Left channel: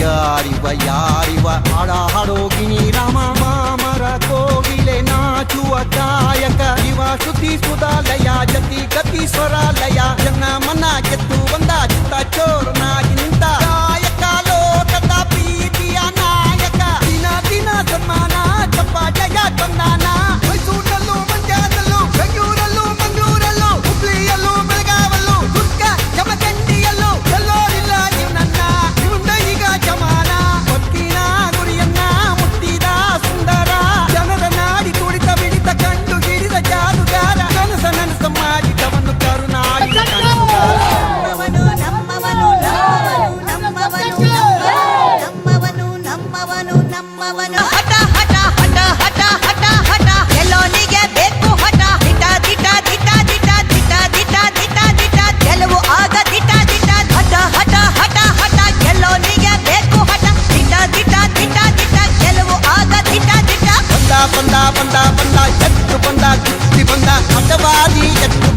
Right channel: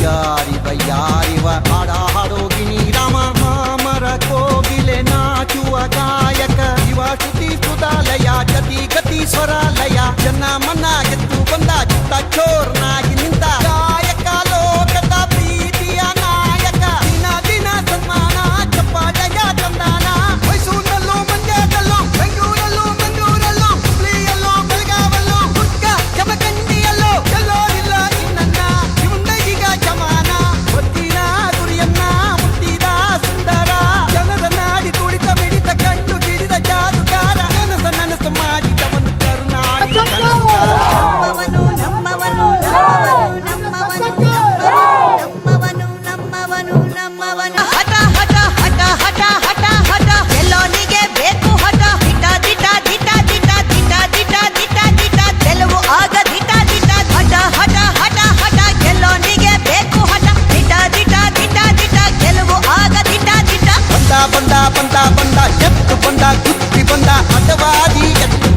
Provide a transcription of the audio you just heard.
ಯಾರಿವ ಯಾರಿವ ಹಾಡ ಹಾಡೋಗಿನಿ ರಾಮ ಮಾಮರ ಕೋಗಿಲೆ ನಾಚುವ ಗಾಯಕ ಇವ ಶ್ರುತಿ ಸುಧಾಲಯ ಜತಿ ಗತಿ ಸ್ವರಾಲಯ ಜನ ಮನ ಗೆದ್ದು ಬಂದ ಚಿತ್ತ ಚೋರ್ನಾಗಿ ನಿಂತ ಗಾಯಕ ಲೋಕದ ಪ್ರೀತಿಯ ನಾಯಕ ದಿನ ದಿನ ಸನ್ಮಾನ ಚಪ್ಪಾಟೆಯ ತಂದಾನ ಮೈಸೂರಲ್ಲೂ ಮಂಡ್ಯದಲ್ಲೂ ಬೆಂಗಳೂರಲ್ಲೂ ಮಂಗಳೂರಲ್ಲೂ ಹುಬ್ಳಿಯಲ್ಲೂ ಬೆಳಗಾವಲ್ಲೂ ದುರ್ಗ ಜಮಖಂಡಿಯಲ್ಲೂ ಎಲ್ಲೋ ಇಲ್ಲ ಇನ್ನನ್ನ ಇವನ್ನ ಈಗ ಜಮಾನ ಒತ್ತಿದ ಗುರಿಯನ್ನ ಮುಟ್ಟಿದ ಸುಂದರ ಜನರ ನಾಡಿ ತುಡಿತ ಮಿಡಿತ ಕಂಡು ಹಿಡಿದ ಜಾದುಗಾರ ಕನಸ ನನಸ ಮಾಡಿದವನು ಕರ್ನಾಟಕ ಹಠ ಹಠ ಹಠ ಹಠ ಹಠ ಹಠ ಎಲ್ಲೋನಿಗೆ ಬೇಕು ಹಠ ದಿಟ ದಿಟ ದಿಟ ದಿಟ ದಿಟ ದಿಟ ದಿಟ ದಿಟ ಗೆಲುವು ಆಗ ದಿಟ ದಿಟ ಹಠ ಹಠ ಹಠ ಹಠ ಎಲ್ಲೋನಿಗೆ ಬೇಕು ಹಠ ದಿಟ ದಿಟ ದಿಟ ದಿಟ ಗೆಲುವು ಆಗ ದಿಟ ದಿಟ ಬಂದ ಬಂದ ಬಂದ ಬಂದ ಎತ್ತು ಬಂದ ಕುಸ್ತಿ ಬಂದ ಹಠವಾದಿ ಎತ್ತು